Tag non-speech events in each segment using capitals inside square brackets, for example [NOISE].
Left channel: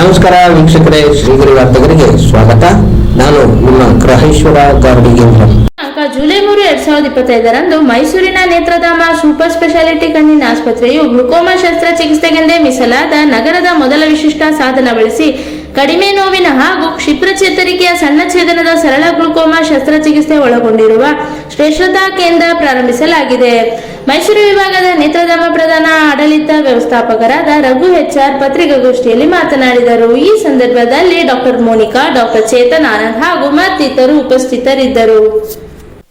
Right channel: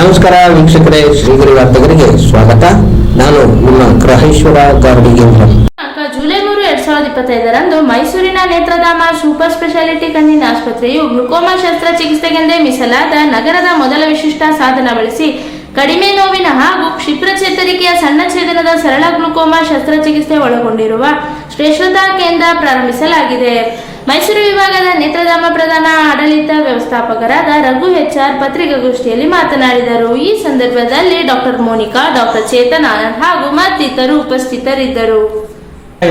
ನಮಸ್ಕಾರ ವೀಕ್ಷಕರೇ, ಶ್ರೀಗಿರಿ ವಾರ್ತೆಗರಿಗೆ ಸ್ವಾಗತ. ನಾನು ನಿಮ್ಮ ಗ್ರಹೇಶ್ವರ ಗಾರ್ಡಿಗೇಂದ್ರ ಜುಲೈ ಮೂರು, ಎರಡ್ ಸಾವಿರದ ಇಪ್ಪತ್ತೈದರಂದು ಮೈಸೂರಿನ ನೇತ್ರಧಾಮ ಸೂಪರ್ ಸ್ಪೆಷಾಲಿಟಿ ಕಣ್ಣಿನ ಆಸ್ಪತ್ರೆಯು ಗ್ಲುಕೋಮಾ ಶಸ್ತ್ರಚಿಕಿತ್ಸೆಗೆಂದೇ ಮೀಸಲಾದ ನಗರದ ಮೊದಲ ವಿಶಿಷ್ಟ ಸಾಧನ ಬಳಸಿ ಕಡಿಮೆ ನೋವಿನ ಹಾಗೂ ಕ್ಷಿಪ್ರ ಚೇತರಿಕೆಯ ಸಣ್ಣ ಛೇದನದ ಸರಳ ಗ್ಲುಕೋಮಾ ಶಸ್ತ್ರಚಿಕಿತ್ಸೆ ಒಳಗೊಂಡಿರುವ ಶ್ರೇಷ್ಠತಾ ಕೇಂದ್ರ ಪ್ರಾರಂಭಿಸಲಾಗಿದೆ. ಮೈಸೂರು ವಿಭಾಗದ ಆಡಳಿತ ವ್ಯವಸ್ಥಾಪಕರಾದ ರಘು ಹೆಚ್ಆರ್ ಪತ್ರಿಕಾಗೋಷ್ಠಿಯಲ್ಲಿ ಮಾತನಾಡಿದರು. ಈ ಸಂದರ್ಭದಲ್ಲಿ ಡಾಕ್ಟರ್ ಮೋನಿಕಾ, ಡಾಕ್ಟರ್ ಚೇತನ್ ಆನಂದ್ ಹಾಗೂ ಮತ್ತಿತರರು ಉಪಸ್ಥಿತರಿದ್ದರು.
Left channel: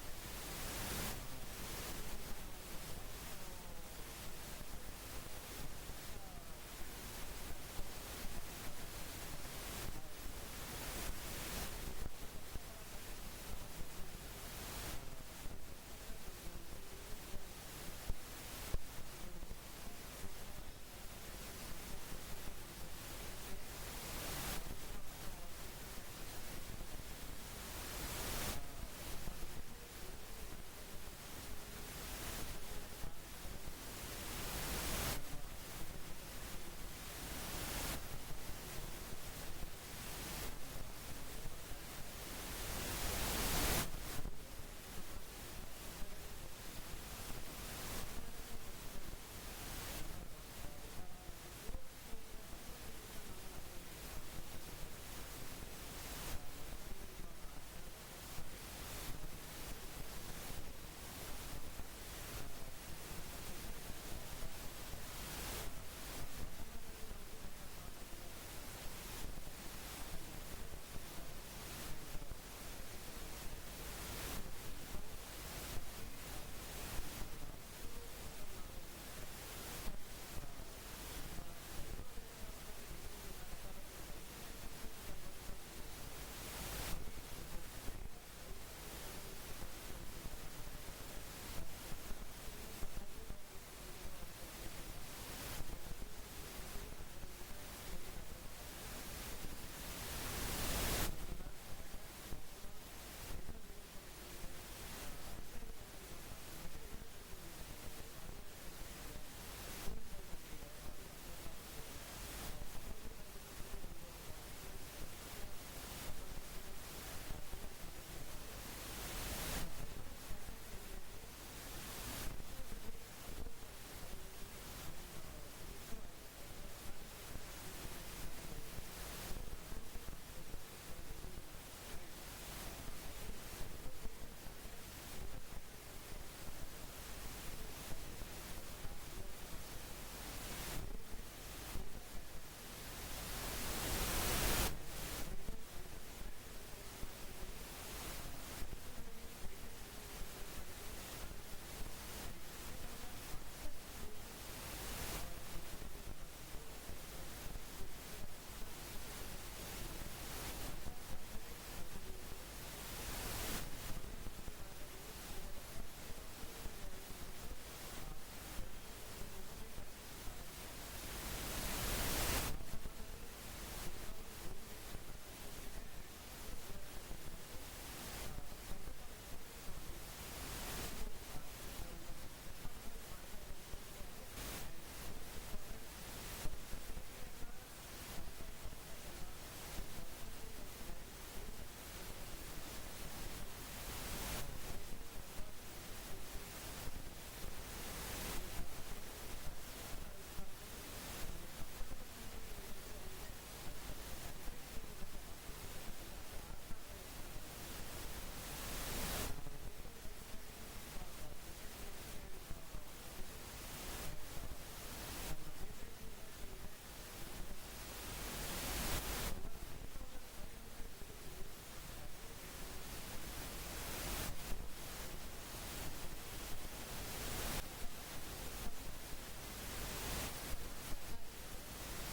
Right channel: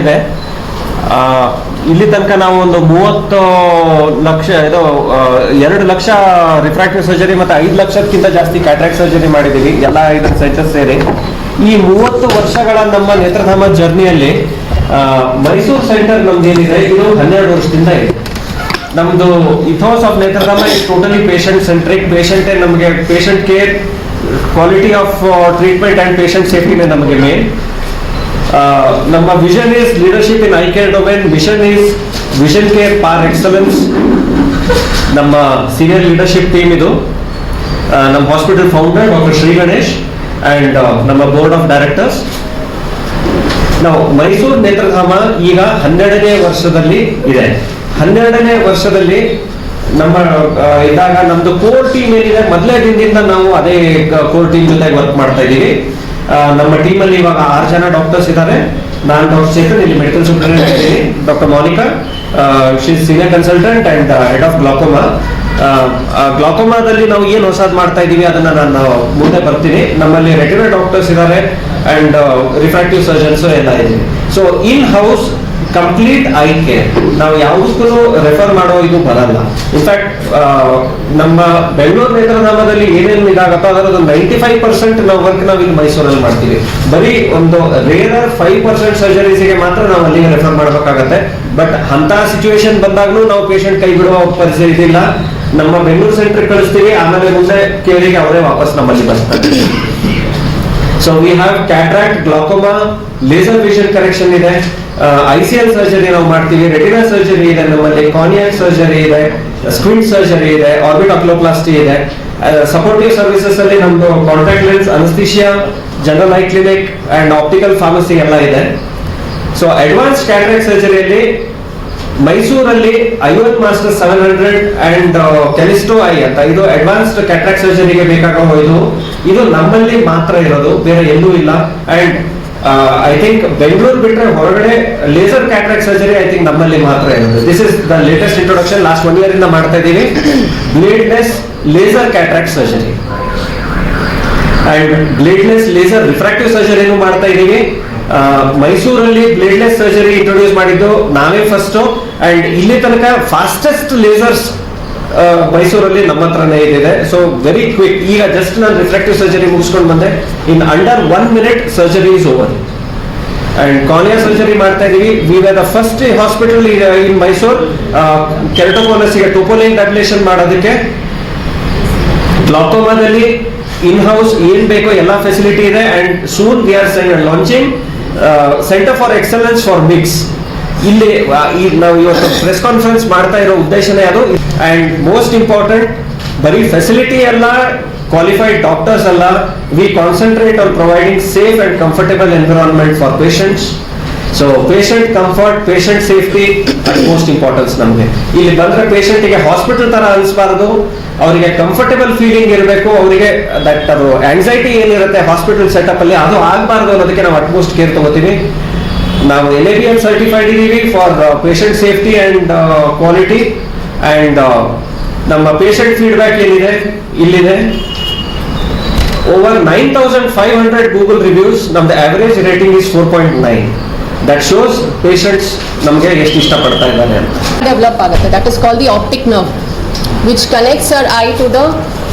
ಇದೆ. ಇಲ್ಲಿ ತನಕ ನಾವು ಒಂದು ಮೂವತ್ತು ಲಕ್ಷ, ಇದು ಎರಡು ಲಕ್ಷ ರಿಫ್ರಾಕ್ಟಿವ್ ಸರ್ಜರಿ ಮತ್ತೆ ಐದು ಲಕ್ಷಕ್ಕಿಂತ ಜಾಸ್ತಿ ಕ್ಯಾಟ್ರಾಕ್ಟ್ ಸರ್ಜರಿ ಮಾಡಿದ್ದೀವಿ. ಎಲ್ಲ ಐದು ಸೆಂಟರ್ಸ್ ಸೇರಿ. ಈ ಮೂವತ್ತು ವರ್ಷಗಳ ನಮ್ಮ ನೇತ್ರಧಾಮ ಜರ್ನಿಯಲ್ಲಿ ಮೈಸೂರು ಸೆಂಟರ್ ನಮ್ದು ಏನಿದೆ ಇದು ಹನ್ನೆರಡು ವರ್ಷದಿಂದ ಇದೆ. ನಮ್ದು ethos of Nethradhama is totally patient centric ಪೇಷಂಟೇ ನಮಗೆ patient care quality of treatment and patient ಸೇಫ್ಟಿನೇ ನಮಗೆ ಮೇನ್ ನಮ್ಮ vision is leadership in eye care domain vision is vision care par excellence ನಮ್ಮ ಸೀನಿಯರ್ ಲೀಡರ್ಶಿಪ್ ಟೀಮ್ ಇದು. ನಮ್ಮ hospital founder doctor Shri Ganesh and ನಮ್ಮ board of directors ನಾವು ಮೈಸೂರು ನೇತ್ರಧಾಮ ಈಗ ಹನ್ನೆರಡನೇ ವರ್ಷದಲ್ಲಿ ಇದೆ. ಹನ್ನೆರಡನೇ ವರ್ಷದಲ್ಲಿ ನಮ್ಮ ಇದ್ದಾಗ ನಮ್ದು ಕೋರ್ ಟೀಮ್ ಏನಿದೆ, ಮೊದಲೇ ದಿನದಿಂದ ನಾವು ಅದೇ ಕೋರ್ ಟೀಮ್ ಜೊತೆ ವರ್ಕ್ ಮಾಡ್ತಾ ಇದ್ದೀವಿ. ನಮ್ಮ ಟೀಮ್ ಅಲ್ಲಿ ಇವಾಗ ಆರು ಜನ ಡಾಕ್ಟರ್ಸ್ ಇದ್ದಾರೆ ನಾನು ಡಾಕ್ಟರ್ ಚೇತನ್, ಇಲ್ಲಿ ಮೆಡಿಕಲ್ ಸೂಪರಿಂಟೆಂಡೆಂಟ್ ಇದ್ದೀನಿ. Doctor Monika she senior consultant and head of glaucoma ಗ್ಲಾಕೋಮಾದಲ್ಲಿ ನಾವು ಏನು ಹೊಸದ್ ಮಾಡ್ತಾ ಇದೀವಿ ಅದನ್ನ ನಾನು ಮುಂದೆ ಬರ್ತೀನಿ. ನಮ್ಮಲ್ಲಿ ರೆಗ್ಯುಲರ್ ಡಾಕ್ಟರ್ಸ್ ಇದ್ದಾರೆ ಅಂಡ್ ರಿಫ್ರಾಕ್ಟಿವ್ ಸರ್ಜನ್ಸ್ ಎಲ್ಲ ಇದ್ದೀವಿ so in house complete eye care ನಾವು ಯಾವುದಕ್ಕೂ ರೆಫರ್ ಮಾಡೋ ಇದು ಬರಲ್ಲ. ಇನ್ಫ್ಯಾಕ್ಟ್ ನಮ್ಮ ಬೆಂಗಳೂರು ನೇತ್ರಧಾಮದಲ್ಲಿ ಏನೇನು ಇದಾಗತ್ತೋ ಅದರದ್ದು ನೈಂಟಿ ಫೈವ್ ಪರ್ಸೆಂಟ್ ನಾವು ವರ್ಕ್ ನಾವು ಇಲ್ಲಿ ಮೈಸೂರಲ್ಲಿ ಮಾಡ್ತೀವಿ. ಬರೀ ಒಂದು ರೇರರ್ ಫೈವ್ ಪರ್ಸೆಂಟ್ ಸರ್ಜರೀಸ್ಗೆ ಮಾತ್ರ ನಾವು ಅಲ್ಲಿಗೆ ರೆಫರ್ ಮಾಡಬೇಕಾಗತ್ತೆ. ಬಟ್ ಅಂತ ಸಿಚುವೇಶನ್ ಬಂದಾಗಲೂ ನಾವು ಪೇಷಂಟ್ ಕೈ ಬಿಡುವ ಪರಿಸ್ಥಿತಿ ಇದಿಲ್ಲ. ನಮ್ಮ ಬೆಂಗಳೂರು ಸೆಂಟರ್ ಕಳಿಸ್ತೀವಿ, ಆಮೇಲೆ ಮುಂದೆ ಕೇರಿಗೆ ಅವರೇ ವಾಪಸ್ ನಮ್ಮಲ್ಲಿ ಬರ್ತಾರೆ. So we have cataract glaucoma laser vision correction ಇದೆ. ಐ ಸಿ ಎಲ್ ಸರ್ಜರಿ ನಾವು ಮಾಡ್ತೀವಿ. ರೆಟಿನಾ ಸರ್ಜರಿ ಇದೆ ನಮ್ಮಲ್ಲಿ. ಕಾರ್ನಿಯಾಕ್ ಸರ್ಜರಿ ಇದೆ. ಸ್ಕ್ವಿಂಟ್ ಸರ್ಜರಿ ಇದೆ. ಆರ್ಬಿಟ್ ಅಕ್ಲೋಪ್ಲಾಸ್ಟಿ ಇದೆ. ಸಪೋರ್ಟಿವ್ ಸರ್ವಿಸಸ್ ಅಲ್ಲಿ ನಮ್ದು contact lens anaesthesia general eye clinic and optical pharmacy ಎಲ್ಲ ಇದೆ. ಸೊ ಅಡ್ವಾನ್ಸ್ ಕ್ಯಾಟ್ರಾಕ್ಟ್ ಸರ್ಜರಿಯಲ್ಲಿ ಮೈಸೂರಲ್ಲಿ ಐವತ್ master seven hundred and Callisto eye ಅಂತ ಇದು ಅಡ್ವಾನ್ಸ್ಡ್ ಕ್ಯಾಟ್ರಾಕ್ ಸರ್ಜರಿಗೆ ಬೇಕಾಗೋ ಇದು. ಇದು ನಮ್ಮಲ್ಲಿ ಮಾತ್ರ ಇರೋದು ಬೇರೆ ಎಲ್ಲೂ ಇಲ್ಲ. ಅಂಡ್ ಐ ಥಿಂಕ್ ಬೆಂಗಳೂರು ಬಿಟ್ರೆ ಹೊರಗಡೆ laser cataract surgery I think ನಮ್ಮಲ್ಲಿ ಮಾತ್ರ ಇರೋದು. This is the latest introduction last one year ಇಂದ ಮಾಡ್ತಾ ಇದ್ದೀವಿ. Bladeless laser cataract surgery and bladeless laser refractive ಸರ್ಜರಿನೂ ಮಾಡ್ತಾ ಇದೀವಿ ಆ, ಮೈಸೂರಲ್ಲಿ ಬ್ಲೇಡ್ಲೆಸ್ ಸರ್ಜರಿ ಇಂಟ್ರೊಡ್ಯೂಸ್ ಮಾಡಿದ್ದು ನಾವೇ ಫಸ್ಟ್ ಅಂಡ್ ಇಲ್ಲಿ ತನಕ ಫಾಸ್ಟೆಸ್ಟ್ ಲೇಸರ್ಸ್ ಮೈಸೂರಲ್ಲಿ ನಮ್ಮ ಹತ್ರನೇ ಇದಿದೆ ಸೊ ವೆರಿ ಕ್ವಿಕ್ ಈಗ ಜಸ್ಟ್ ನಾನು ರಿಫ್ಲೆಕ್ಟಿವ್ ಸರ್ಜರಿ ಮುಗಿಸ್ಕೊಂಡು ಬಂದೆ. In under one minute surgery is over and cornea surgery ಮಾಡ್ತಾ ಇದೀವಿ. We are the first hospital in Mysore ಕೆರಟೋಕೋನಸ್ಗೆ ಟೋಪೋಲೈನ್ ಟ್ಯಾಬ್ಲೇಷನ್ ಮಾಡೋದಕ್ಕೆ. ಗ್ಲಾಕೋಮಾದಲ್ಲಿ ಇನ್ ಹೌಸ್ ಏನ್ ಬೇಕೋ ಎಲ್ಲ ಫೆಸಿಲಿಟಿ ಇದೆ. And soon we are launching centre for excellence for MIGS ಇಲ್ಲಿ ನಾವು ಇವತ್ತು ಪ್ರೆಸ್ ಕಾನ್ಫರೆನ್ಸ್ ಮಾಡ್ತಾ ಇರೋ ಉದ್ದೇಶನೇ ಅದು. ಅಂಡ್ ಮೋಸ್ಟ್ ಇಂಪಾರ್ಟೆಂಟ್ ಬರೀ ಫೆಸಿಲಿಟಿ ಎಲ್ಲ ಕ್ವಾಲಿಫೈಡ್ ಡಾಕ್ಟರ್ಸ್ ಅಲ್ಲ we concentrate on providing safe and comfortable environment for patients so patient comfort patient safety most importance ನಮಗೆ. ಇಲ್ಲಿ ಬಂದ್ರೆ patient ಗೆ ಹಾಸ್ಪಿಟಲ್ ತರ ಅನಿಸ್ಬಾರ್ದು, ಅವರಿಗೆ ಕಂಫರ್ಟಬಲ್ ಫೀಲಿಂಗ್ ಇರಬೇಕು, ಅವರಿಗೆ ದಟ್ ಅದು ಆಂಗ್ಸೈಟಿ ಏನಿರುತ್ತೆ ಹಾಸ್ಪಿಟಲ್ ಸೆಟಪ್ ಅಲ್ಲಿ ಅದು ಆಗಬಾರ್ದು ಅನ್ನೋದಕ್ಕೆ ನಾವು ಅಟ್ಮೋಸ್ಟ್ ಕೇರ್ ತಗೋತೀವಿ. ನಾವು L A B L certified ಇದೀವಿ for patient safety and quality and ನಮ್ಮ ಪೇಷಂಟ್ ಫೀಡ್ಬ್ಯಾಕ್ ಏನಿದೆ? ಇಲ್ಲಿದೆ. Over nine thousand five hundred Google reviews ನಮ್ದು average rating is four point nine that shows patients ನಮಗೆ ಎಷ್ಟು ಇಷ್ಟಪಡ್ತಾ ಇದ್ದಾನೆ ಅಂತ. ಡೆವಲಪ್ ಆಗುತ್ತೆ. That is call the optic nerve which connects our eye to the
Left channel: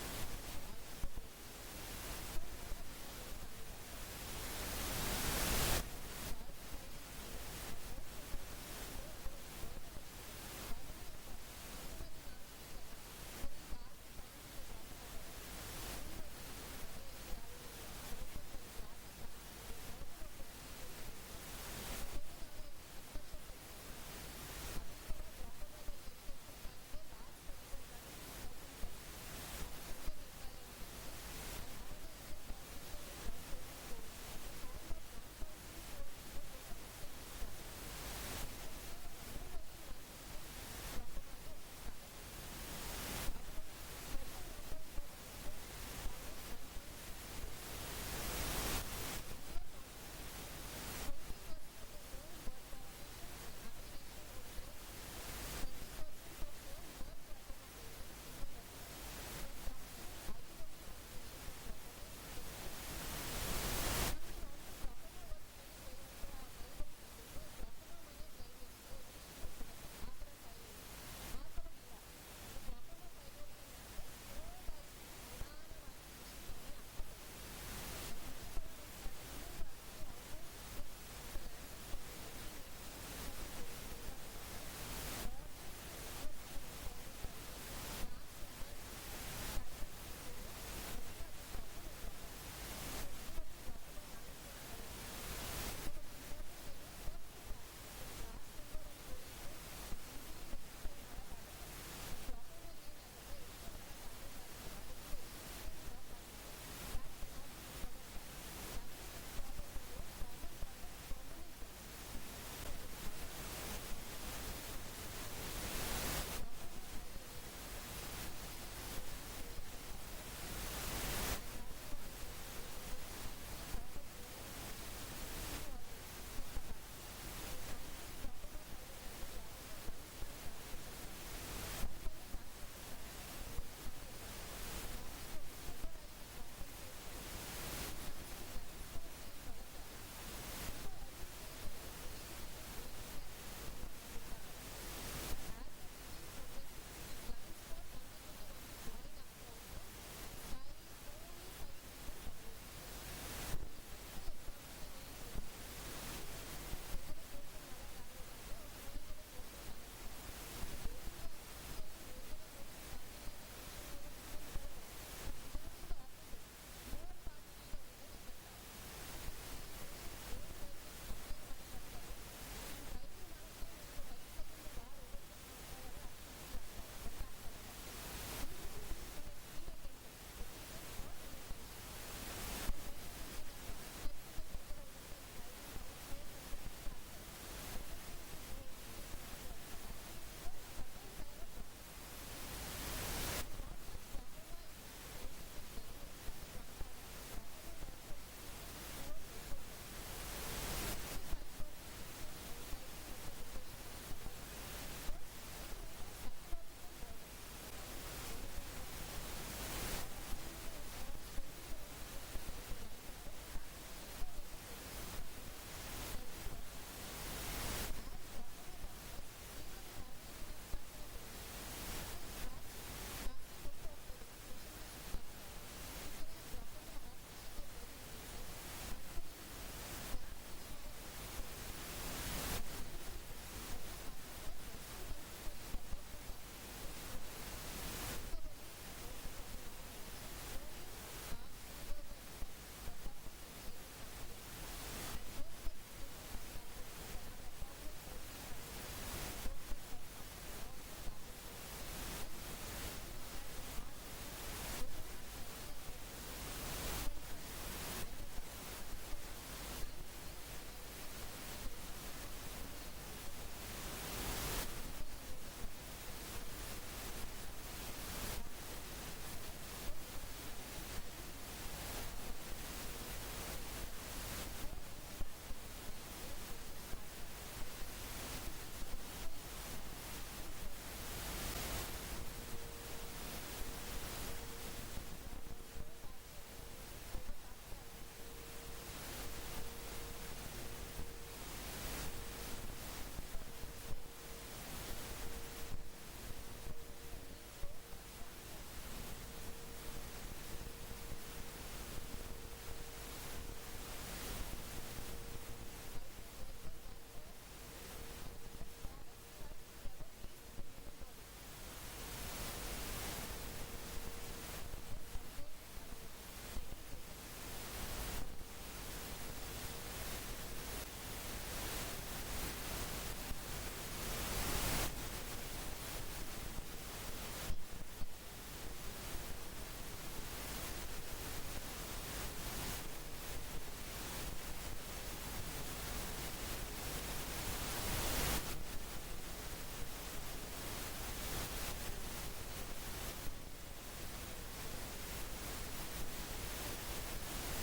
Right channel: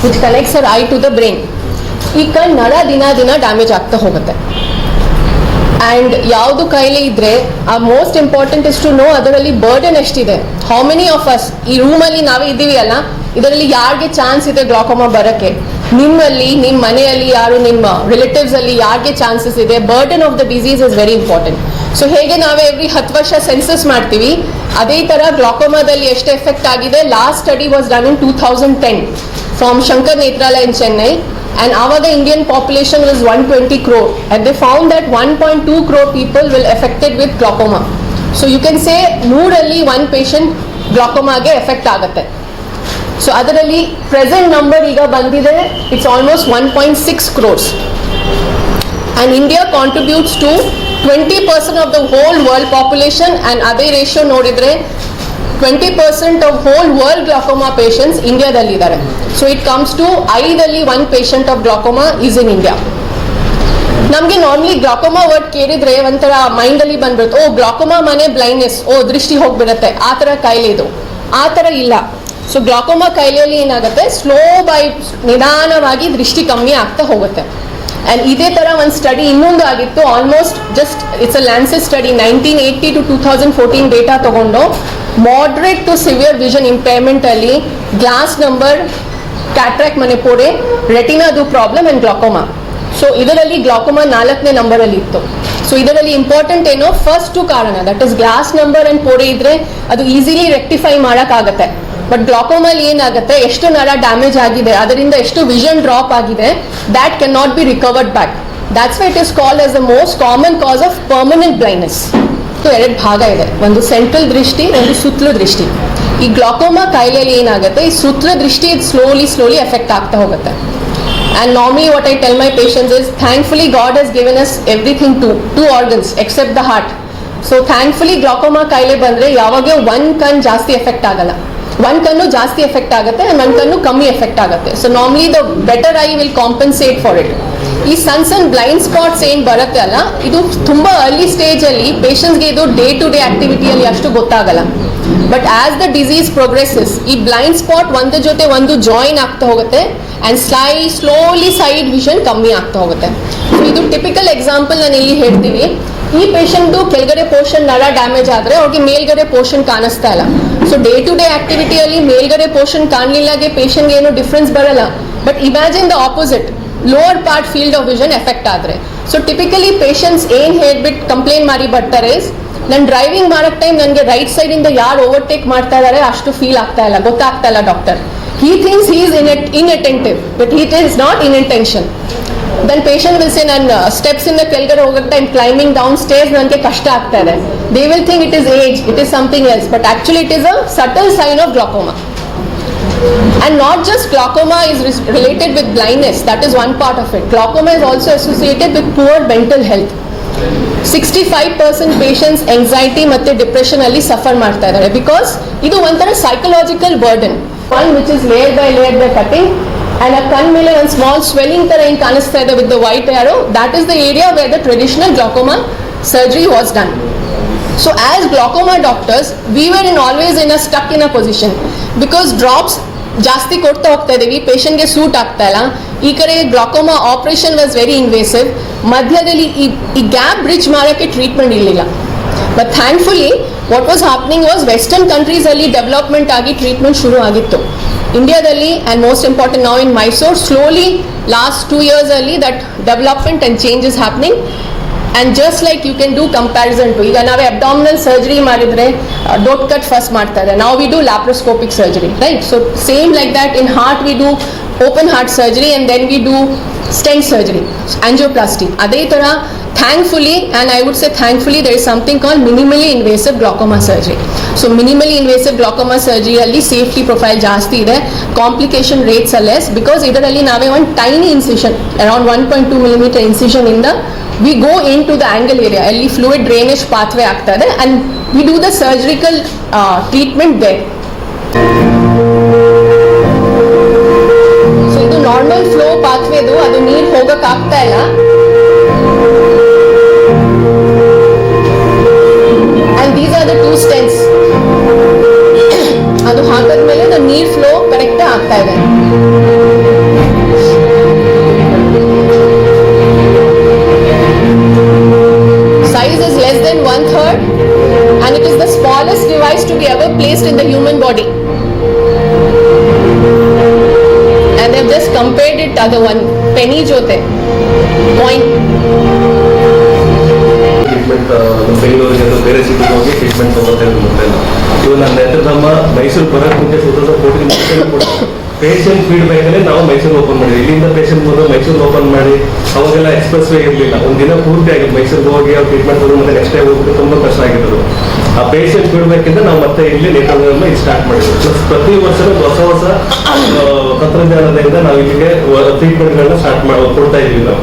which connects our eye to the brain ಈ ಕಣ್ ನರ ದಿನ ದಿನ ಡ್ಯಾಮೇಜ್ ಆಗ್ತಾ ಹೋಗುತ್ತೆ. ಆ್ಯಂಡ್ ಯಾವುದು ಕೈಲಿ ಇದ್ರೆ, ಆ most important is to know ಅದರಲ್ಲಿ ಬರ್ಡನ್ ಎಷ್ಟಿದೆ. ಹೌ ಮೆನಿ ಆಫ್ ಅಸ್ ಈ ರೂಮಲ್ಲಿ ನಾವೇ ಇದ್ದೀವಿ ಅಲ್ಲ, ಇದರಲ್ಲಿ ಯಾರಿಗೆ ಚಾನ್ಸ್ ಇದೆ ಗ್ಲಾಕೋಮಾ ಬರೋಕ್ಕೆ? ನಿಮ್ಮಲ್ಲಿ ನಿಮ್ಮ ಮನೆಯಲ್ಲಿ ಯಾರು, ನಿಮ್ಮ ರಿಲೇಟಿವ್ಸ್ ಅಲ್ಲಿ ಯಾರಿಗೆ ಚಾನ್ಸಸ್ ಇದೆ? Burden of the disease is very important so ಹೇಗೆ ನಾವೇ ಎವ್ರಿ ಹತ್ತು ವರ್ಷ ಸೆನ್ಸಸ್ ಮಾಡ್ತೀವಿ ಅದೇ ಥರ ಗ್ಲಾಕೋಮಾದಲ್ಲಿ ಎಷ್ಟು ಎಫೆಕ್ಟ್ ಆಗಿದೆ last study was done in two thousand ten from Shankar Nethralaya in Chennai And our Indian population was 120 crore. And they found that 1.2 crore people will affected with glaucoma. So you can say ನೂರಲ್ಲಿ one patient ಗ್ಲಾಕೋಮಾಗೆ effect ಆಗುತ್ತೆ so ಅದರಲ್ಲಿ present number ಈಗ ಬಂದಿದೆ it's almost one point six crores and India contributes contributes to 20% of the whole world population, and ಅದೇ ratio ನೋಡಿದ್ರೆ twenty percent of whole world glaucoma patients ಇಂಡಿಯಾದಲ್ಲಿದ್ದಾರೆ so it comes to ಐದಲ್ಲಿ one patient of glaucoma is in India ನಮಗೆ normally glaucoma word ಕೇಳಿದ್ರೆ ಒಂಥರ ಮೈಂಡಲ್ಲಿ ಬಂದ್ಬಿಡುತ್ತೆ. ಓ glaucoma ಮನೆ blindness ಓ, ದೃಷ್ಟಿ ಹೋಗ್ಬಿಡುತ್ತೆ. ಆ ಥರ ಕಾಯಿಲೆ ಇದು. ಆ ಥರ ಇಲ್ಲ. ಸೊ ಗ್ಲಾಕೋಮಾ ಕಾಯಿಲೆಯಲ್ಲಿ ಏನಾಗುತ್ತೆ? ಸ್ಲೋ ಬೈ ನಿಧಾನವಾಗಿ ದೃಷ್ಟಿ ಕಮ್ಮಿ ಆಗ್ತಾ ಹೋಗುತ್ತೆ. ಆ್ಯಂಡ್ ಇದೇ ಥರ ಒಂದು ಸ್ಟಡಿ ಇನ್ನೊಂದು ಆಗಿತ್ತು almost just it's a Lancet's study nineteen eighty to two thousand fourteen data ತಗೊಂಡು ಮಾಡ್ರೇಟ್ ಟು ಸಿವಿಯರ್ ವಿಷನ್ ಇಂಪೇರ್ಮೆಂಟಲ್ಲಿ ಗ್ಲಾಸ್ ನಂಬರ್ ಕ್ಯಾಟ್ರಾಕ್ ಮನೆ ಪೋಡೆ ರೆಟಿನಾದು ಪ್ರಾಬ್ಲಮ್ ಆ್ಯಂಡ್ ಗ್ಲಾಕೋಮಾ ಸೊ ಇದರಲ್ಲಿ ಗ್ಲಾಕೋಮಾ ನಾಲ್ಕನೇ ನಂಬರಲ್ಲಿ ಇತ್ತು. ಸೊ ಇದರಲ್ಲಿ ಇಂಪಾರ್ಟೆಂಟ್ ಏನೋ ಫಸ್ಟ್ ಕಾರಣ that is glass number and ಪೋಡೆ ಇದ್ರೆ ಅದು ಈಸಿಲಿ ರೆಕ್ಟಿಫೈ ಮಾಡೋಕ್ಕಾಗತ್ತೆ. ಬಟ್ ಗ್ಲಾಕೋಮಲ್ಲಿ ಏನಾಗುತ್ತೆ? ಎಷ್ಟು ನರ ಡ್ಯಾಮೇಜ್ ಆಗಿದೆ? ಅದರಿಂದ ಎಷ್ಟು ವಿಷನ್ ಡ್ರಾಪ್ ಆಗಿದೆ? That can not be recovered back that's why it is call as the most common cause of permanent blindness so ಎರಡು ಭಾಗ ಇದೆ. ಒಂದು ಸೆಂಟ್ರಲ್ ದೃಷ್ಟಿ ಒಂದು ಸುತ್ತಲ ದೃಷ್ಟಿ. ಈ ಗ್ಲಾಕೋಮಾ ಕಾಯಿಲೆಯಲ್ಲಿ ಏನಾಗುತ್ತೆ? ಈ ಸುತ್ತಲ ದೃಷ್ಟಿ ಸ್ಲೋಲಿ ಸ್ಲೋಲಿ ಎಫೆಕ್ಟ್ ಆಗ್ತಾ ಹೋಗುತ್ತೆ. And normally, what I tell my patients is, thankfully, God has given us everything to two organs except the heart. So thankfully glaucoma ಕಾಯಿಲೆ ಬಂದರೆ ಯಾವಾಗ ಒನ್ ಕಣ್ ಜಾಸ್ತಿ ಎಫೆಕ್ಟ್ ಆಗಲ್ಲ. ಒಂದು ಕಣ್ಣು ಜಾಸ್ತಿ ಎಫೆಕ್ಟ್ ಆಗುತ್ತೆ ಆ್ಯಂಡ್ ಒಂದು ಕಣ್ಣು ಕಮ್ಮಿ ಎಫೆಕ್ಟ್ ಆಗುತ್ತೆ. So normally the better eye will compensate for it ಈ ಸಣ್ಣ ಸಣ್ಣ ಬ್ಲೈಂಡ್ ಸ್ಪಾಟ್ಸ್ ಏನು ಬರುತ್ತೆ ಅಲ್ಲ, ಇದು ತುಂಬ ಅರ್ಲಿ ಸ್ಟೇಜಲ್ಲಿ ಪೇಷಂಟ್ಸ್ಗೆ ಇದು ಡೇ ಟು ಡೇ ಆ್ಯಕ್ಟಿವಿಟಿಯಲ್ಲಿ ಅಷ್ಟು ಗೊತ್ತಾಗಲ್ಲ. But as the disease progresses ಈ ಬ್ಲೈಂಡ್ ಸ್ಪಾಟ್ ಒಂದ್ರ ಜೊತೆ ಒಂದು ಜಾಯಿನ್ ಆಗ್ತಾ ಹೋಗುತ್ತೆ and sly slowly side vision ಕಮ್ಮಿ ಆಗ್ತಾ ಹೋಗುತ್ತೆ. ಸೊ ಇದು ಟಿಪಿಕಲ್ ಎಕ್ಸಾಂಪಲ್ ನಾನು ಇಲ್ಲಿ ಹೇಳ್ತೀನಿ. ಈ ಪೇಷಂಟ್ದು ಕೆಳಗಡೆ ಪೋರ್ಷನ್ ನರ ಡ್ಯಾಮೇಜ್ ಆದ್ರೆ ಅವ್ರಿಗೆ ಮೇಲ್ಗಡೆ ಪೋರ್ಷನ್ ಕಾಣಿಸ್ತಾ ಇಲ್ಲ. ಸೊ ಡೇ ಟು ಡೇ ಆಕ್ಟಿವಿಟಿಯಲ್ಲಿ ಮೇಲ್ಗಡೆ ಪೋರ್ಷನ್ ಕಾಣಲಿಲ್ಲಾಗೆ ಪೇಷಂಟ್ಗೆ ಏನು ಡಿಫ್ರೆನ್ಸ್ ಬರಲ್ಲ. But imagine the opposite lower part field of vision effect ಆದ್ರೆ. ಸೊ ಟಿಪಿಕಲಿ ಪೇಷಂಟ್ಸ್ ಏನ್ ಹೇಳ್ಬಿಟ್ಟು ಕಂಪ್ಲೇಂಟ್ ಮಾಡಿ ಬರ್ತಾರೆ ನಾನು ಡ್ರೈವಿಂಗ್ ಮಾಡೋ ಟೈಮ್ ನನಗೆ ರೈಟ್ ಸೈಡಿಂದ ಯಾರು ಓವರ್ಟೇಕ್ ಮಾಡ್ತಾ ಇದ್ದಾರೆ ಅಷ್ಟು ಫೀಲ್ ಆಗ್ತಾ ಇಲ್ಲ. ಗೊತ್ತಾಗ್ತಾ ಇಲ್ಲ doctor he thinks he is in inattentive but but he not in inattention. Then patient will say ನಾನು ಸ್ಟೆಪ್ಸ್ ಇಂದ ಕೆಳಗಡೆ ಹೋಗುತ್ತೆ ಟೈಮ್ ಕ್ಲೈಂಬಿಂಗ್ ಡೌನ್ ಸ್ಟೇಜ್ ನನಗೆ ಕಷ್ಟ ಆಗ್ತಾ ಇದೆ they will think it is age it is something else but actually it is a subtle sign of glaucoma And not just glaucoma is res- related with blindness, that is one part of it. Glaucoma is also associated with poor mental health. Sixty five percent patients anxiety ಮತ್ತು depression ಅಲ್ಲಿ suffer ಮಾಡ್ತಾ ಇದ್ದಾರೆ because ಇದು ಒಂಥರ psychological burden one which is layer by layer by cutting and ಆ ಕಣ್ ಮೇಲೆ ಒಂದು ಸ್ಮಾಲ್ ಸ್ವೆಲ್ಲಿಂಗ್ ತರ ಏನು ಕಾಣಿಸ್ತಾ ಇದೆ with the white arrow that is the area where the traditional glaucoma surgery was done So as glaucoma doctors, we were in always in a stuck in a position. Because drops ಜಾಸ್ತಿ ಕೊಡ್ತಾ ಹೋಗ್ತಾ ಇದ್ದೀವಿ ಪೇಷಂಟ್ಗೆ suit ಆಗ್ತಾ ಇಲ್ಲ. ಈ ಕಡೆ glaucoma operation was very invasive ಮಧ್ಯದಲ್ಲಿ ಈ ಈ ಗ್ಯಾಪ್ ಬ್ರಿಡ್ಜ್ ಮಾಡೋಕ್ಕೆ ಟ್ರೀಟ್ಮೆಂಟ್ ಇರಲಿಲ್ಲ. But thankfully what was happening was western ಕಂಟ್ರೀಸಲ್ಲಿ development ಆಗಿ ಟ್ರೀಟ್ಮೆಂಟ್ ಶುರು ಆಗಿತ್ತು ಇಂಡಿಯಾದಲ್ಲಿ ಆ್ಯಂಡ್ ಮೋಸ್ಟ್ ಇಂಪಾರ್ಟೆಂಟ್ ನಾವು in Mysore slowly last two ಇಯರ್ಸಲ್ಲಿ that development and changes happening and just like you can do comparison to ಈಗ ನಾವೇ abdominal surgery ಮಾಡಿದರೆ ಡೋಟ್ cut first ಮಾಡ್ತಾ ಇದ್ದಾರೆ. ನಾವು we do laparoscopic surgery right so same like that in heart we do open heart surgery and then we do stent surgery angioplasty ಅದೇ ಥರ thankfully and I would say thankfully there is something call minimally invasive glaucoma surgery so minimally invasive glaucoma ಸರ್ಜರಿಯಲ್ಲಿ safety profile ಜಾಸ್ತಿ ಇದೆ. Complication rates less because ಇದರಲ್ಲಿ ನಾವೇ ಒಂದು tiny incision around one point two millimeter incision ಇಂದ we go into the angle area ಅಲ್ಲಿ fluid drainage pathway ಆಗ್ತಾ ಇದೆ. And we do the surgical treatment they so ಇದು ನಾರ್ಮಲ್ ಫ್ಲೋ ಪಾತ್ವೇದು ಅದು ನೀರು ಹೋಗೋಕ್ಕಾಗ್ತಾ ಇಲ್ಲ. ಟೂ ಸ್ಟೆನ್ಸ್ [COUGHS] ಅದು ಹಾಕಿದ್ಮೇಲೆ ನೀರ್ ಫ್ಲೋ ಕರೆಕ್ಟ್ ಆಗ್ತಾ ಇದೆ. ಮೈಸೂರು ಬರೋಕ್ಕೆ ಮುಂದೆ ಟೂ ತೌಸಂಡ್ ಫೋರ್ಟೀನ್ ಕೂಡ ಪೇಷಂಟ್ ಫೀಡ್ಬ್ಯಾಕ್ ಅಲ್ಲಿ ನಾವು ಮೈಸೂರು ಓಪನ್ ಮಾಡಿದ್ವಿ. ಇಲ್ಲಿಂದ ಪೇಷಂಟ್ ಬಂದು ಮೈಸೂರು ಓಪನ್ ಮಾಡಿ, ಅವಾಗೆಲ್ಲ ಎಕ್ಸ್ಪ್ರೆಸ್ ವೇ ಇರಲಿಲ್ಲ. ಒಂದು ದಿನ ಪೂರ್ತಿ ಆಗಿತ್ತು ಮೈಸೂರಿಗೆ ಹೋಗಿ ಅವ್ರು ಟ್ರೀಟ್ಮೆಂಟ್ ಮತ್ತೆ ನೆಕ್ಸ್ಟ್ ಡೇ ಹೋಗ್ಬಿಟ್ಟು ತುಂಬಾ ಕಷ್ಟ ಆಗಿದ್ರು ಆ ಪೇಷಂಟ್ ಬಿಡ್ಬೇಕಿಂತ ನಾವು ಮತ್ತೆ ಇಲ್ಲಿ ಇದು ಸ್ಟಾರ್ಟ್ ಮಾಡಿದ್ವಿ. ಪ್ರತಿ ವರ್ಷನೂ ಹೊಸ ಹೊಸ ತಂತ್ರಜ್ಞಾನದಿಂದ ನಾವು ಇಲ್ಲಿಗೆ ಟ್ರೀಟ್ಮೆಂಟ್ಗಳನ್ನ ಸ್ಟಾರ್ಟ್ ಮಾಡಿ ಕೊಡ್ತಾ ಇದೀವಿ ನಾವು.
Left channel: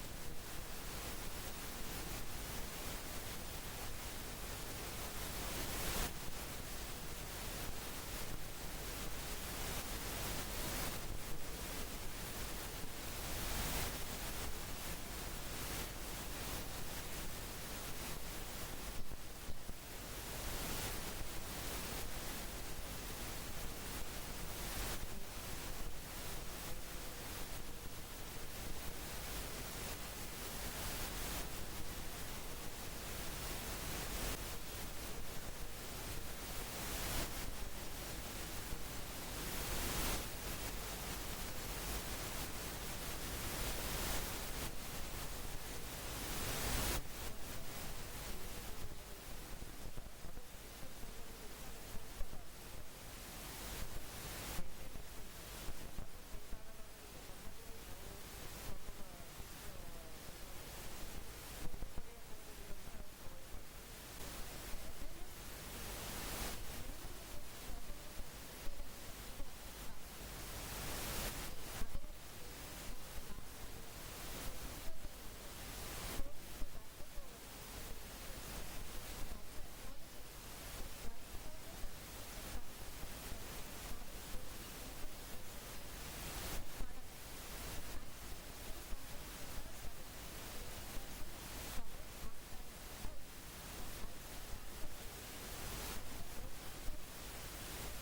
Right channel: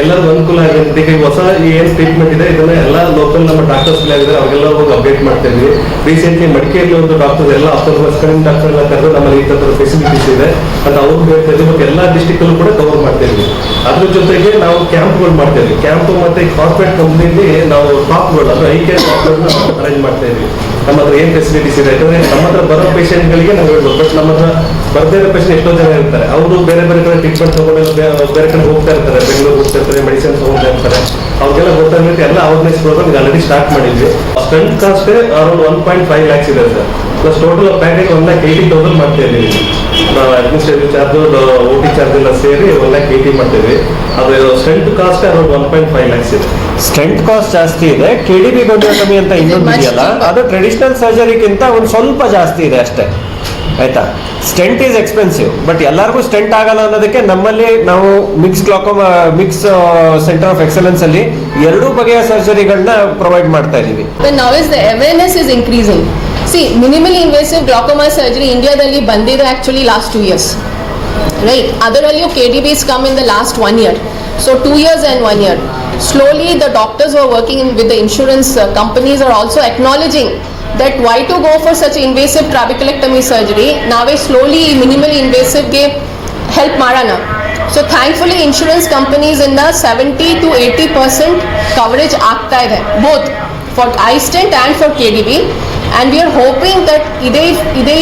ಎಲ್ಲರಿಗೂ ಅನುಕೂಲ ಆಗಿರುತ್ತೆ ಈಗ ಹೊಸ ಏನ್ ಟ್ರೀಟ್ಮೆಂಟ್ ಇದೆ, ಇದನ್ನ ಎಲ್ಲ ಲೋಕಲ್ ನಮ್ಮ ಡಾಕ್ಟರ್ಸ್ ಇದ್ದಾರೆ ಅವ್ರಿಗೆಲ್ಲ ಹೋಗಿ ಅಪ್ಡೇಟ್ ಮಾಡ್ತಾ ಇದ್ವಿ ರೀಸೆಂಟ್ಲಿ ಮಡಿಕೇರಿಯಲ್ಲಿ ಒಂದು ಡಾಕ್ಟರ್ ಎಲ್ಲ ಅಫ್ಟರ್ಸ್ ಕಡಿಮೆ ಡಾಕ್ಟರ್ ಎಲ್ಲ ಕರೆದು ನಮ್ಮಲ್ಲಿ ಈ ತರ ಫೆಸಿಲಿಟೀಸ್ ಇದೆ. ಅಂತ ಅವ್ರು ಹೇಳ್ತಾ ಮತ್ತೆ ಎಲ್ಲ ಡಿಸ್ಟಿಕ್ ಅಲ್ಲೂ ಕೂಡ ಕವರ್ ಮಾಡ್ತಾ ಇದ್ವಿ ಅದ್ರ ಜೊತೆಗೆ ನಾವು ಕ್ಯಾಂಪ್ಗಳು ಮಾಡ್ತಾ ಇದ್ವಿ ಕ್ಯಾಂಪ್ ಮತ್ತೆ ಕಾರ್ಪೊರೇಟ್ ಕಂಪ್ನಿಲಿ ನಾವು ಟಾಪ್ಗಳು ಅಂದ್ರೆ ಐ ಕೇರ್ ಅರೇಂಜ್ ಮಾಡ್ತಾ ಇದ್ವಿ ನಮ್ಮ ಹತ್ರ ಏನ್ ಫೆಸಿಲಿಟೀಸ್ ಇದೆ? ಯಾಕಂದ್ರೆ ನಮ್ಮ ಹತ್ರ ಬರೋ ಪೇಷಂಟ್ಗಳಿಗೆ ನಾವು ಹೇಳ್ಬೋದು. ಬಟ್ ನಮ್ಮ ಹತ್ರ ಬರ್ದೇ ಇರೋ ಪೇಷಂಟ್ ಎಷ್ಟೋ ಜನ ಇರ್ತಾರೆ. ಅವರು ಬೇರೆ ಬೇರೆ ಕಡೆ ಟ್ರೀಟ್ಮೆಂಟ್ ತಗೊಂಡು ಬೇರೆ ಕಡೆ ಹೋಗ್ತಾ ಇರ್ತಾರೆ. ಬೆಂಗಳೂರು ಹೋಗ್ತಾ ಇರ್ತಾರೆ ಮೆಡಿಸಿನ್ ತಗೊಂಡ್ತಾ ಇರ್ತಾರೆ. ಅವ್ರಿಗೆಲ್ಲ ಗೊತ್ತಾಗುತ್ತೆ ಎಲ್ಲ ಅವೇರ್ನೆಸ್ ಪ್ರೋಗ್ರಾಮ್ ಆಲ್ರೆಡಿ ಸ್ಟಾರ್ಟ್ ಮಾಡಿದ್ವಿ. Stent cost around one point five lakhs ಇದೆ sir. Plus total package one lakh eighty thousand ಮಾಡ್ತಾ ಇದ್ದೀವಿ administrative charge O T charge ಎಲ್ಲ ಸೇರಿ ಒನ್ ಲ್ಯಾಕ್ ಏಯ್ಟಿ ಮಾಡ್ತೀವಿ. ಅದು stent cost around one point five lakhs ಇದೆ. Stent cost ಜಾಸ್ತಿ ಇದೆ. ಕೆ ಡಿ ಬಿ ಗೊಂಡಿಯೋಟಮಿ ಅಂತ ಇನ್ನೊಂದು ಇದೆಯಲ್ಲ ಅದು ಟ್ರೆಡಿಷನಲ್ ಸರ್ಜರಿಗಿಂತ ಒಂದು ಸ್ವಲ್ಪ ಜಾಸ್ತಿ ಇದೆ ಅಷ್ಟೇ. ಆಯ್ತಾ? ಸ್ಟೆಂಟ್ ಈಸ್ ಎಕ್ಸ್ಪೆನ್ಸಿವ್ ಬಟ್ ಎಲ್ಲರಿಗೂ ಸ್ಟೆಂಟ್ ಆಗಲ್ಲ ಅನ್ನೋದಕ್ಕೆ ನಮ್ಮಲ್ಲಿ ನಾವು MIGS glaucoma MIGS centre of excellence ಅಲ್ಲಿ ಎರಡೂ ಬಗೆಯ ಸರ್ಜರಿಗಳನ್ನ ಪ್ರೊವೈಡ್ ಮಾಡ್ತಾ ಇದೀವಿ. Is the the awareness increasing. See, minimally invasive glaucoma surgery ಇಂಡಿಯಾದಲ್ಲಿ ಬಂದಿದೆ actually last two years right ಅದರಲ್ಲಿಯೂ K D B's come in the last one year so two years and one year slowly the doctors are working in with the insurance companies are also acknowledging that why to go for such invasive trabeculectomy surgery ನಾವೇ slowly minimally ಇನ್ವೇಸಿವ್ಗೆ help ಮಾಡೋಣ so thankfully insurance ಕಂಪನೀಸಿಂದ seventy to eighty percent coverage ಆಗ್ತಾ ಇದೆ both for iStent and for K D B and we are hoping that ಇದೇ ಇದೇ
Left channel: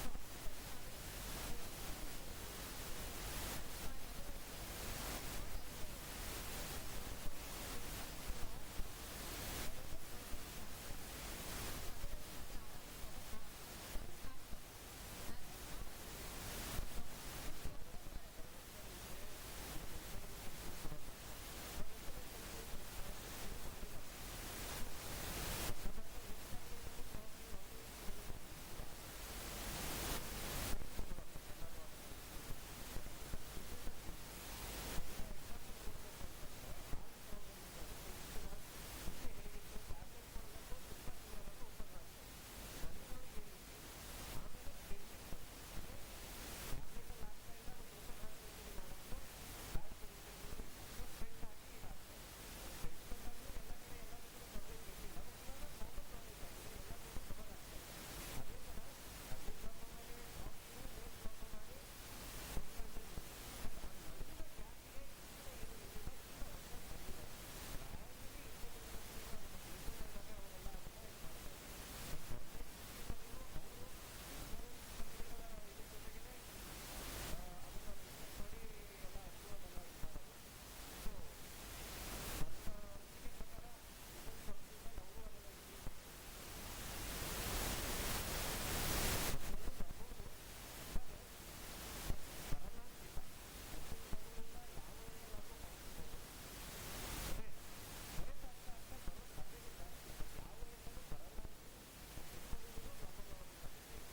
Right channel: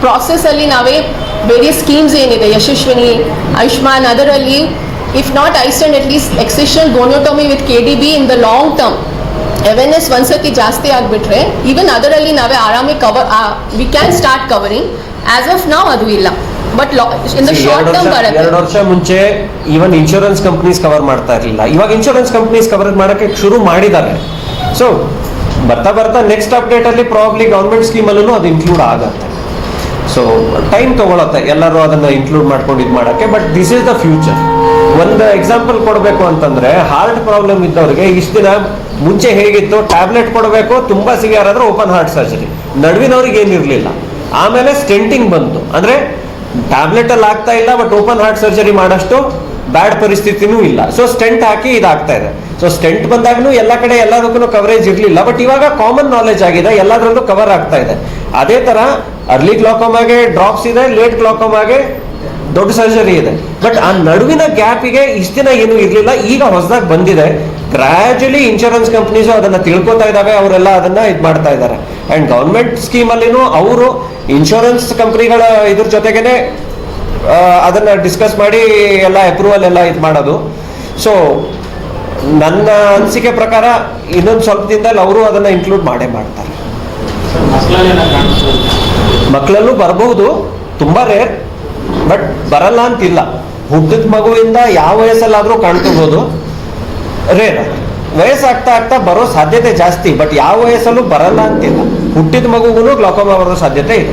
ಪ್ರಾಸೆಸ್ಸಲ್ಲಿ ನಾವೇ ಬೇರೆ schemes ಏನಿದೆ, ಯಶಸ್ವಿನಿ, ಆಯುಷ್ಮಾನ್, ಅದರಲ್ಲಿ if not iStent at least excision goniotomy with be in the long term awareness ಒಂದ್ಸತಿ ಜಾಸ್ತಿ ಆಗಿಬಿಟ್ರೆ ಈವನ್ ಅದರಲ್ಲಿ ನಾವೇ ಆರಾಮಿ cover we can start covering as of ನಾವು ಅದು ಇಲ್ಲ. But in the short term ಬರುತ್ತೆ. ಎರಡು ವರ್ಷ ಮುಂಚೆ ಈವನ್ ಇನ್ಶೂರೆನ್ಸ್ ಕಂಪ್ನೀಸ್ ಕವರ್ ಮಾಡ್ತಾ ಇರಲಿಲ್ಲ. ಇವಾಗ ಇನ್ಶೂರೆನ್ಸ್ ಕಂಪ್ನೀಸ್ ಕವರ್ ಮಾಡೋಕೆ ಶುರು ಮಾಡಿದ್ದಾರೆ. ಸೊ ಬರ್ತಾ ಬರ್ತಾ ನೆಕ್ಸ್ಟ್ ಅಪ್ಡೇಟ್ ಅಲ್ಲಿ ಪ್ರಾಬ್ಲಿ ಗೌರ್ಮೆಂಟ್ ಸ್ಕೀಮ್ ಅಲ್ಲೂ ಅದು ಇನ್ಕ್ಲೂಡ್ ಆಗತ್ತೆ. ಸೊ ಟೈಮ್ ತಗೊಳತ್ತೆ. ಎಲ್ಲರೂ ಅದನ್ನ ಇನ್ಕ್ಲೂಡ್ ಮಾಡ್ಕೊಂಡು ಇದು ಮಾಡಕ್ಕೆ. But this is the future ಒಂದು ಎಕ್ಸಾಂಪಲ್ ಕೊಡಬೇಕು ಅಂತಂದ್ರೆ ಹಾರ್ಟ್ ಪ್ರಾಬ್ಲಮ್ ಇದ್ದವ್ರಿಗೆ ಇಷ್ಟು ದಿನ ಮುಂಚೆ ಹೇಗಿತ್ತು? ಟ್ಯಾಬ್ಲೆಟ್ ಕೊಡಬೇಕು, ತುಂಬಾ ಸಿವಿಯರ್ ಆದ್ರೆ ಓಪನ್ ಹಾರ್ಟ್ ಸರ್ಜರಿ ನಡುವಿನವ್ರಿಗೆ ಏನಿರ್ಲಿಲ್ಲ. ಆಮೇಲೆ ಸ್ಟೆಂಟಿಂಗ್ ಬಂತು. ಅಂದ್ರೆ ಟ್ಯಾಬ್ಲೆಟ್ ಅಲ್ಲಿ ಆಗ್ತಾ ಇಲ್ಲ ಬಟ್ ಓಪನ್ ಹಾರ್ಟ್ ಸರ್ಜರಿ ಮಾಡಷ್ಟು ಬ್ಯಾಡ್ ಪರಿಸ್ಥಿತಿನೂ ಇಲ್ಲ. ಸೊ ಸ್ಟೆಂಟ್ ಹಾಕಿ ಇದಾಗ್ತಾ ಇದೆ. ಸೊ ಸ್ಟೆಂಟ್ ಬಂದಾಗಲೂ ಎಲ್ಲ ಕಡೆ ಎಲ್ಲದಕ್ಕೂ ಕವರೇಜ್ ಇರಲಿಲ್ಲ. ಬಟ್ ಇವಾಗ ಕಾಮನ್ ನಾಲೆಜ್ ಆಗಿದೆ. ಎಲ್ಲದರಲ್ಲೂ ಕವರ್ ಆಗ್ತಾ ಇದೆ. ಅದೇ ತರ ಅರ್ಲಿ ಗ್ಲಾಕೋಮಾಗೆ ಡ್ರಾಪ್ಸ್ ಇದೆ ಲೇಟ್ ಗ್ಲಾಕೋಮಾಗೆ ದೊಡ್ಡ ಸರ್ಜರಿ ಇದೆ. ಬಟ್ ಆ ನಡುವಿನ ಗ್ಯಾಪಿಗೆ ಇಷ್ಟ ದಿನ ಏನು ಇರಲಿಲ್ಲ. ಈಗ ಹೊಸದಾಗಿ ಬಂದಿದೆ. ಗ್ರಾಜುಲಿ ಇನ್ಶೂರೆನ್ಸ್ ಕಂಪ್ನೀಸು ಅದನ್ನ ತಿಳ್ಕೊತಾ ಇದಾವೆ. ಅವರೆಲ್ಲ ಅದನ್ನ ಇದು ಮಾಡ್ತಾ ಇದ್ದಾರೆ ಅಂಡ್ ಗೌರ್ಮೆಂಟ್ ಸ್ಕೀಮ್ ಅಲ್ಲಿನೂ ಅವರು ಇನ್ಶೂರೆನ್ಸ್ ಕಂಪ್ನಿಗಳ ಇದ್ರ ಜೊತೆಗೇನೆ ಅದನ್ನ ಡಿಸ್ಕಸ್ ಮಾಡಿ ಎಲ್ಲ ಅಪ್ರೂವಲ್ ಎಲ್ಲ ಇದು ಮಾಡೋದು. ಸೊ ನನ್ನ ಅನಿಸಿಕೆ ಪ್ರಕಾರ ಇನ್ನೊಂದು ಸ್ವಲ್ಪ ದಿನದಲ್ಲಿ ಅವರು ಅದನ್ನ ಇನ್ಕ್ಲೂಡ್ ಮಾಡೇ ಮಾಡ್ತಾರೆ. ಮಕ್ಕಳಲ್ಲೂ ಬರಬಹುದು, ತುಂಬಾ ರೇರ್ ಬಟ್ ಬರಲ್ಲ ಅಂತಿಲ್ಲ. ಹುಟ್ಟಿದ ಮಗುವಿಂದ ಯಾವ ವಯಸ್ಸಲ್ಲಾದರೂ ಕಾಣ್ತಿರ್ಬೋದು ರೇರ್ ವಯಸ್ಸಾಗ್ತಾ ಆಗ್ತಾ ಬರೋ ಸಾಧ್ಯತೆ ಜಾಸ್ತಿ ಬಟ್ ಯಾವ ವಯಸ್ಸಲ್ಲೂ ಬರಲ್ಲ ಅಂತಿಲ್ಲ. ಹುಟ್ಟಿದ ಮಗುಗೂ ಗ್ಲಾಕೋಮಾ ಬರೋ ಸಾಧ್ಯತೆ ಇದೆ.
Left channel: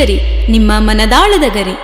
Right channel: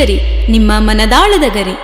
ಶ್ರೀಗರಿ ನಿಮ್ಮ ಮನದಾಳದ ಗರಿ.